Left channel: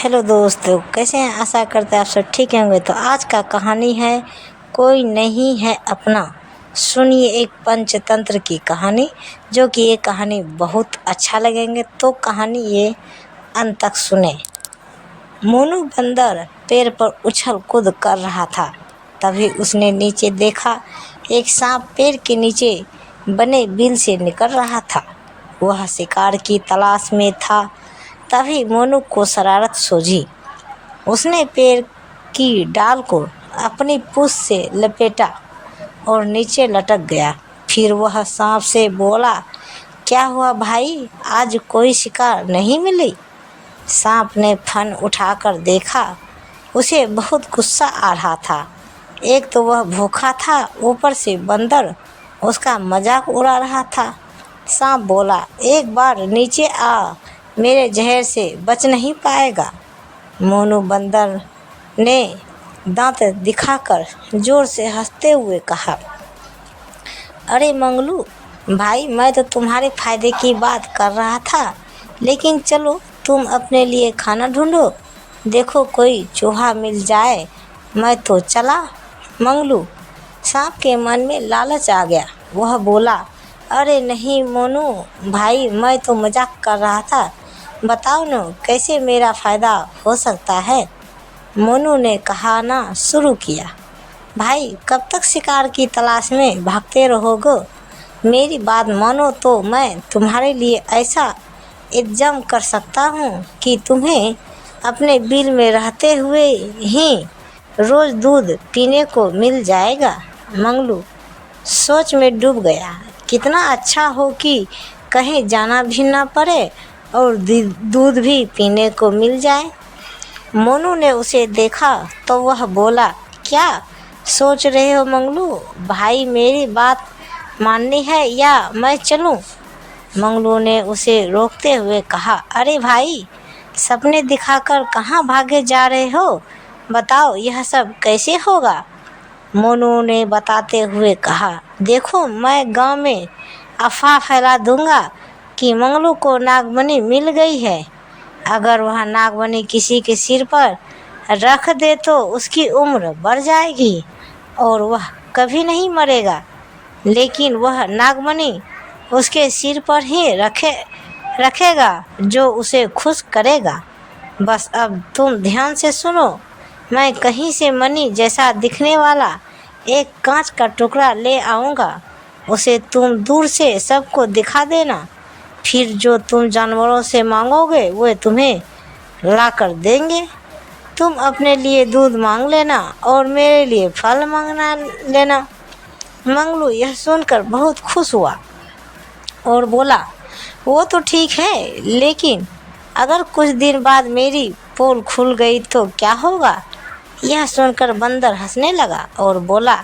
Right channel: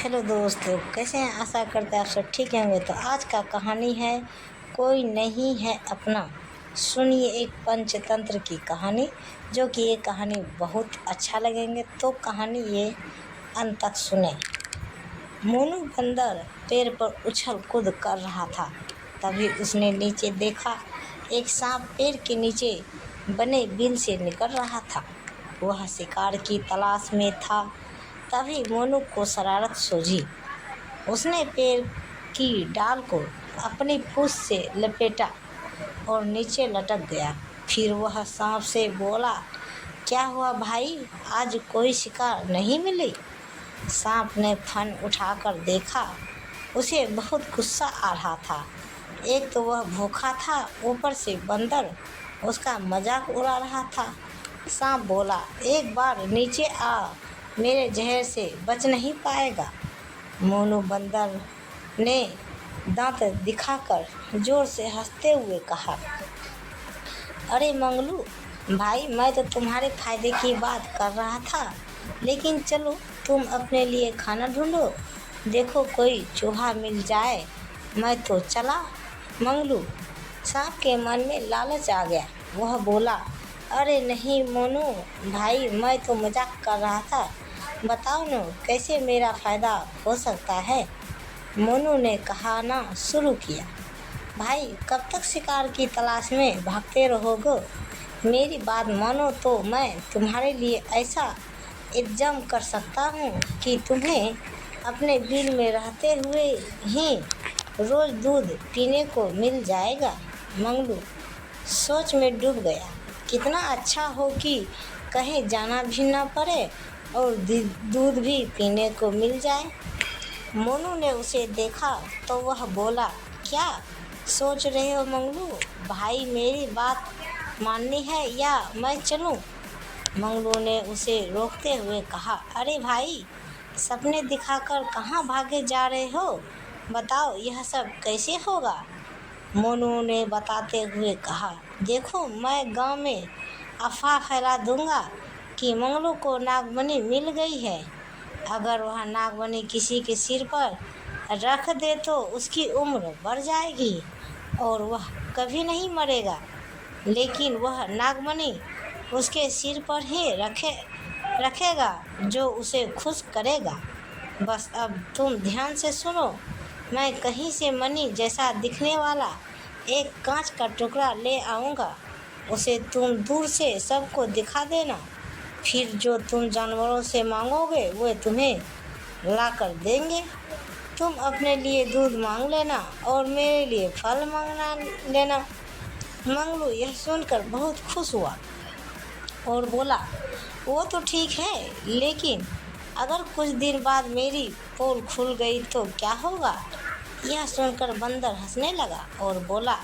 Hello दोस्तों, कैसे हैं? आशा करते हैं आप सब ठीक होंगे। तो आज का कहानी है कोई नहीं है अपना। सुनिए एक पंचतंत्र की कहानी, जो कि ये कहानी बहुत अच्छा लगेंगे। तो कहानी ये अंत तक सुने। मोनू बंदर पेड़ पर उछल कूद कर रहा था। तभी उसने नीचे देखा, एक सांप पेड़ के नीचे बने बिल से निकल रहा था। वह शिकार की तलाश में था। तभी मोनू को शरारत सूझी। उसने पेड़ की डाल को अपनी पूंछ से लपेटा और नीचे लटक गया। फिर वह सांप से बोला, क्या हुआ भाई, आज कोई शिकार नहीं मिली? सांप ने फन उठाकर देखा। उसे बहुत गुस्सा आ रहा था। एक तो वह भूखा था, ऊपर से बंदर उसका मजाक उड़ा रहा था। सांप बोला, एक बार नीचे आ, मेरे जहर से बच नहीं पाएगा। मोनू बंदर ने दांत दिखाकर जोर से हंसते हुए कहा, अरे मंगलू भाई, मैं तो तुम्हारे फायदे की बात कर रहा था, लेकिन चलो तुम अपने लिए खाना ढूंढो। देखो कोई चूहा मिल जाए। मैं तो चला। मंगलू, सांप के मन में लालच आ गया। वह बोला, अरे नहीं मोनू भाई, मैं तो मजाक कर रहा था। बताओ न, कैसे मेरा फ़ायदा हो सकता है? मोनू ने कहना शुरू किया, भाई कब तक शिकार की तलाश में भागते रहोगे? मेरी बात मानो तो मैं तुम्हारे लिए ऐसा इंतजाम कर सकता हूँ कि तुम्हें अपने बिल में रहते हुए ही रोज़ दूध पीने को मिल जाएगा। मंगलू सोच में डूब गया। कितना अच्छा हो कि कहीं जाना भी ना पड़े और दूध भी पीने को मिल जाए। मोनू ने उसे देखा तो वह बोला, क्या सोच रहे हो मंगलू भाई, मेरी बात माननी है या मैं चलूं? मंगलू ने उसे रोकते हुए कहा, अरे भाई, सपने दिखाकर कहाँ भागे जा रहे हो? बताओ यह सब कैसे होगा? मोनू ने बताते हुए कहा, देखो मैं गांव में अफवाह फैला दूंगा कि मंगलू को नागमणि मिल गई है। अगर वह नागमणि किसी के सिर पर रख दे तो उसकी उम्र बढ़ जाएगी और वह कभी नहीं मरेगा। लेकिन वह नागमणि उसके सिर पर ही रखेगा जो उसे खुश करेगा। बस अब तुम ध्यान से सुनो। मैं कहीं से मणि जैसा दिखने वाला एक कांच का टुकड़ा ले आऊँगा। उसे तुम दूर से सबको दिखा देना। फिर जो तुम जानवरों से मांगोगे वो तुम्हें ला कर देंगे। तुम अपने लिए दूध मांग लेना और मेरे लिए फल मांगना लेना। मंगलू यह सुनकर बहुत खुश हुआ और बोला, वो तो ठीक है, लेकिन अगर कुछ दिन बाद मेरी पोल खुल गई तो क्या होगा? यह सुनकर बंदर हंसने लगा और बोला,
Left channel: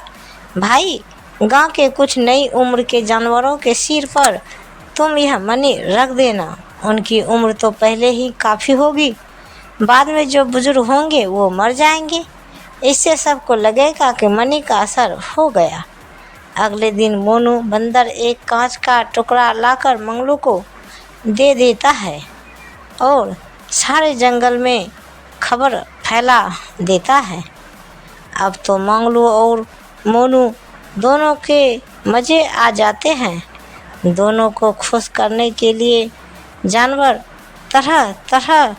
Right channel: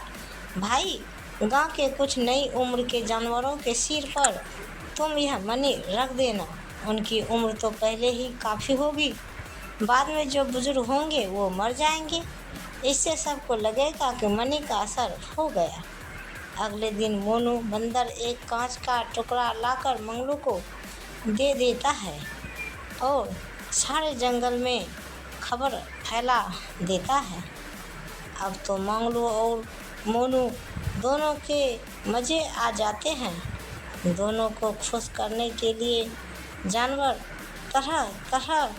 भाई गांव के कुछ नई उम्र के जानवरों के सिर पर तुम यह मणि रख देना। उनकी उम्र तो पहले ही काफ़ी होगी। बाद में जो बुजुर्ग होंगे वो मर जाएंगे। इससे सबको लगेगा कि मणि का असर हो गया। अगले दिन मोनू बंदर एक कांच का टुकड़ा लाकर मंगलू को दे देता है और सारे जंगल में खबर फैला देता है। अब तो मंगलू और मोनू दोनों के मज़े आ जाते हैं। दोनों को खुश करने के लिए जानवर तरह तरह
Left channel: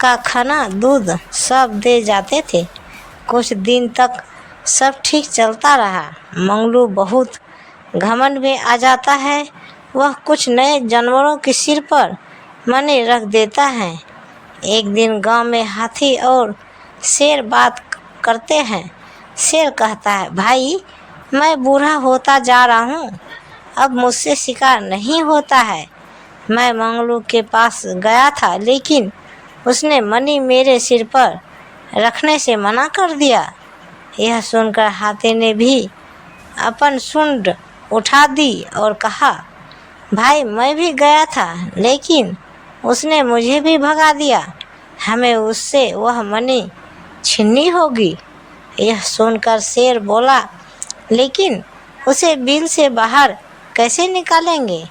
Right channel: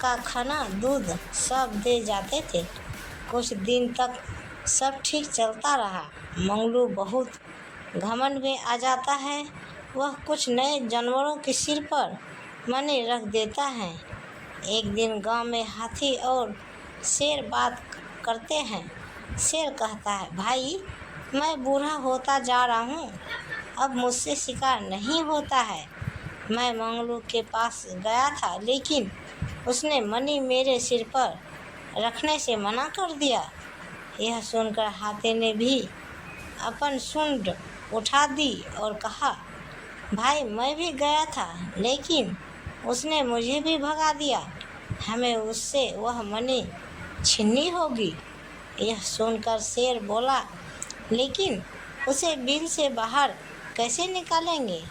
का खाना, दूध सब दे जाते थे। कुछ दिन तक सब ठीक चलता रहा। मंगलू बहुत घमंड में आ जाता है। वह कुछ नए जानवरों के सिर पर मणि रख देता है। एक दिन गांव में हाथी और शेर बात करते हैं। शेर कहता है, भाई मैं बूढ़ा होता जा रहा हूँ, अब मुझसे शिकार नहीं होता है। मैं मंगलू के पास गया था, लेकिन उसने मणि मेरे सिर पर रखने से मना कर दिया। यह सुनकर हाथी ने भी अपन सूंड उठा दी और कहा, भाई मैं भी गया था, लेकिन उसने मुझे भी भगा दिया। हमें उससे वह मणि छीननी होगी। यह सुनकर शेर बोला, लेकिन उसे बिल से बाहर कैसे निकालेंगे?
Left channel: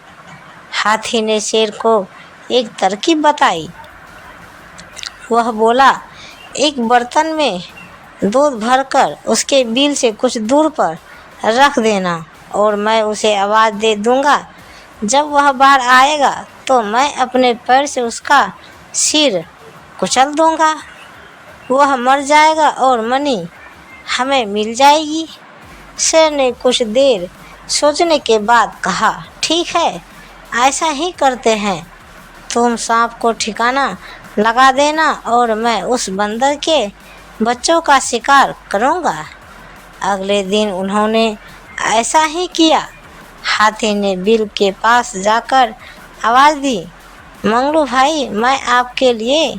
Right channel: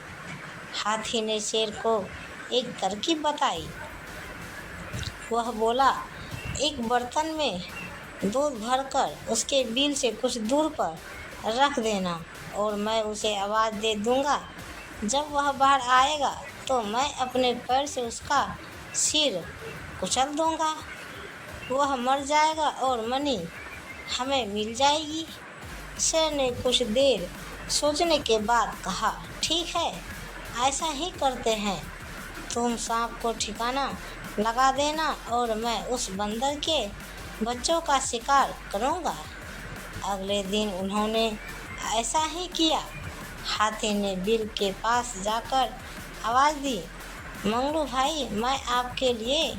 हाथी ने शेर को एक तरकीब बताई। वह बोला, एक बर्तन में दूध भरकर उसके बिल से कुछ दूर पर रख देना और मैं उसे आवाज़ दे दूँगा। जब वह बाहर आएगा तो मैं अपने पैर से उसका सिर कुचल दूँगा। वह मर जाएगा और मनी हमें मिल जाएगी। शेर ने कुछ देर सोचने के बाद कहा, ठीक है, ऐसा ही करते हैं। तुम सांप को ठिकाना लगा देना और मैं उस बंदर के बच्चों का शिकार करूँगा। अगले दिन उन्होंने ऐसा ही किया। हाथी ने बिल के पास जाकर आवाज़ दी, मंगलू भाई, मैं आपके लिए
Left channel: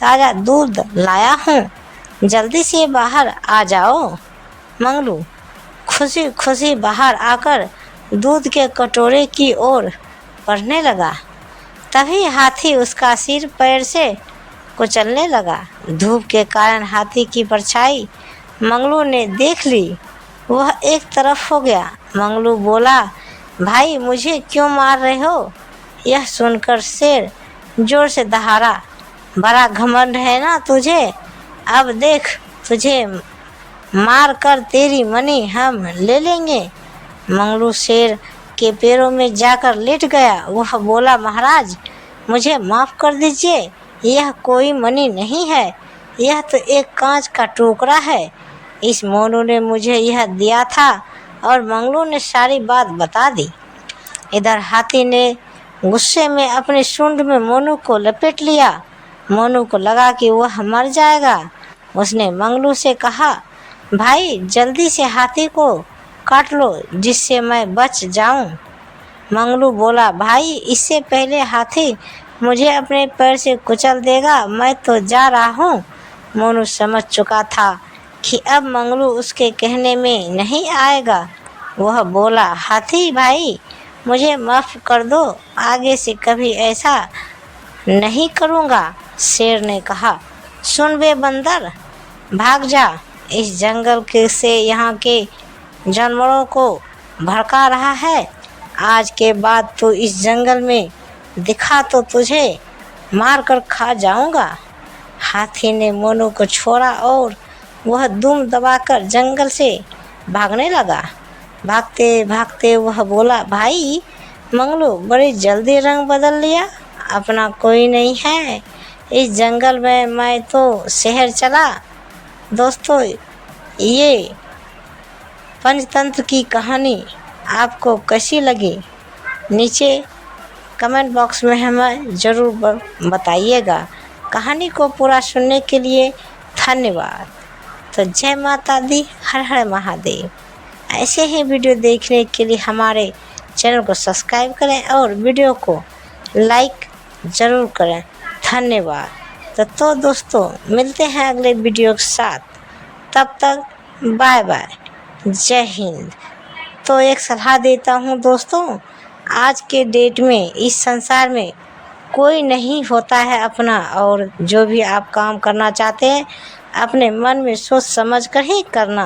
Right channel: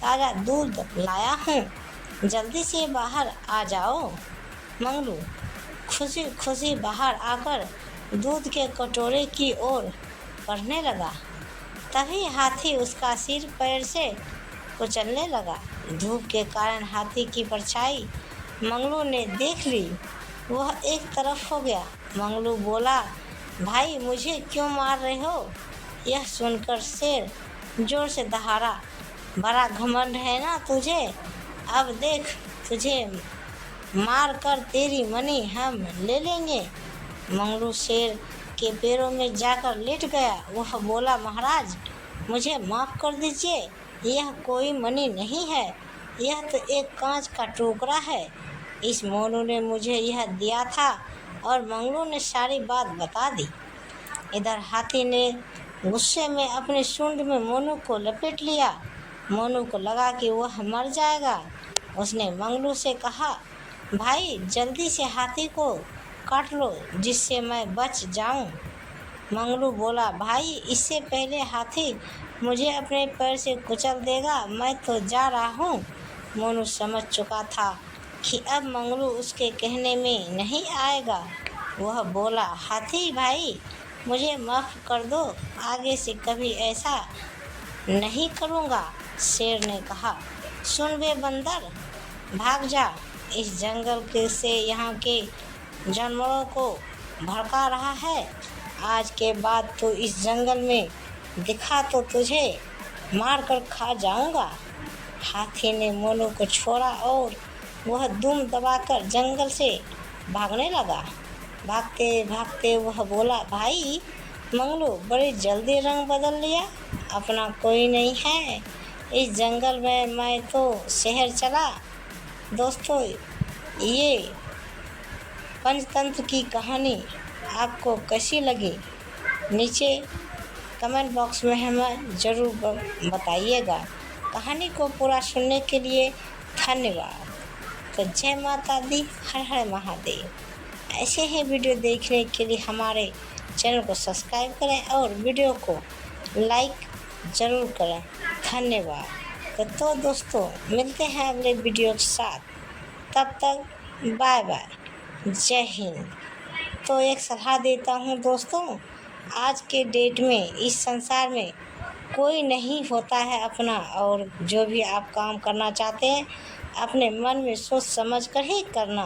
ताज़ा दूध लाया हूँ, जल्दी से बाहर आ जाओ। मंगलू खुशी खुशी बाहर आकर दूध के कटोरे की ओर बढ़ने लगा। तभी हाथी उसका सिर पैर से कुचलने लगा। धूप के कारण हाथी की परछाई मंगलू ने देख ली। वह एक तरफ हो गया। मंगलू बोला, भाई मुझे क्यों मार रहे हो? यह सुनकर शेर जोर से दहाड़ा, बड़ा घमंड है ना तुझे? अब देख, तुझे मार कर तेरी मनी हम ले लेंगे। मंगलू शेर के पैरों में जाकर लेट गया। वह बोला, महाराज मुझे माफ़ कर दीजिए, यह कोई मनी नहीं है, यह तो एक कांच का टुकड़ा है। इस मोनू ने मुझे यह दिया था और मंगलू ने सारी बात बता दी। इधर हाथी ने गुस्से में अपने सूंड में मोनू को लपेट लिया। मोनू को लगा कि वह मर जाएगा। उसने मंगलू से कहा, भाई जल्दी से हाथी को काट लो जिससे मैं बच जाऊं। मंगलू बोला, भाई इससे पहले हाथी मुझे अपने पैर से कुचल देगा, मैं तो जा रहा हूँ। मोनू समझ चुका था कि अब मंगलू उसके कहने में नहीं आएगा। वह बोला, हाथी भाई मुझे माफ़ कर दो, आगे से कभी ऐसा नहीं करूँगा। शेर ने कहा, सुन बे बंदर, भाग जा, इस जंगल के से यहाँ के जानवरों को भड़का रहा है। आज के बाद तो इस जंगल में दिखा तो तुझे मार कर खा जाऊँगा। हाथी ने मोनू को छोड़ा और वह दुम दबाकर जंगल से भागने लगा। भागते भागते वह बोला, भाई मंगलू बड़ी जल्दी रंग बदल लिया, अपना कोई नहीं है इस जंगल में, मैं तो शहर चला। दोस्तों, ये पंचतंत्र की कहानी आपको कैसी लगी? नीचे कमेंट बॉक्स में हमें ज़रूर बताइएगा। कहानी को पूरा सुनने के लिए धन्यवाद। तो जय माता दी, हर हर महादेव। ऐसे ही वीडियो देखने के लिए हमारे चैनल को सब्सक्राइब करें और वीडियो को लाइक ज़रूर करें। धन्यवाद। तो दोस्तों मिलते हैं अगले वीडियो के साथ, तब तक बाय बाय, जय हिंद। तो एक सलाह देता हूँ दोस्तों, आज के डेट में इस संसार में कोई नहीं होता है अपना, और जो भी आप काम करना चाहते हैं अपने मन में सोच समझ कर ही करना।